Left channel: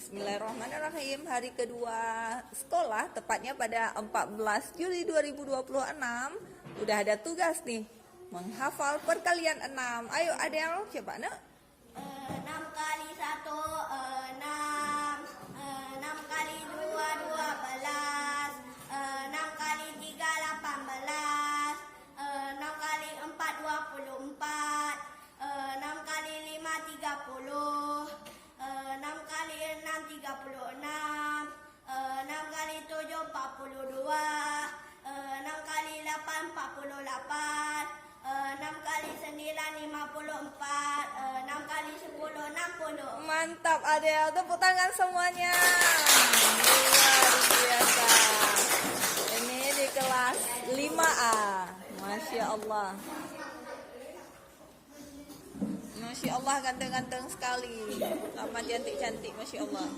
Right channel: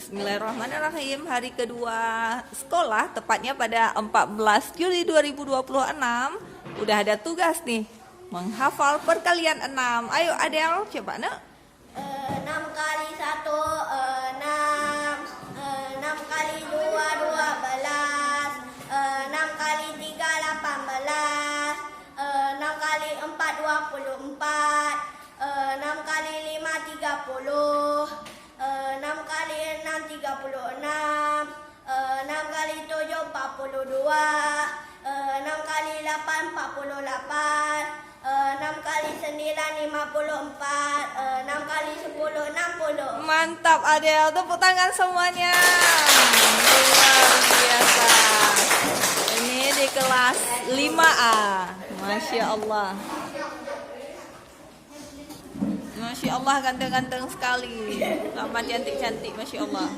Bismillahirrahmanirrahim. Hari kedua sekolah, tepatnya pada 14 Juli 2026. Udah ada tugas nih, menghafal perkalian 6. Ayo Adel, coba nak. 6 kali 1 6, 6 kali 2 12, 6 kali 3 18, 6 kali 4 24, 6 kali 5 30, 6 kali 6 36, 6 kali 7 42, 6 kali 8 48, 6 kali 9 54, 6 kali 10 60. Mantap Adel, tepuk tangan semuanya. Luar biasa. Ini di kelas 5A. Masya Allah. Masya Allah, ganteng-ganteng sekali. Sama cantik-cantik, Masya Allah.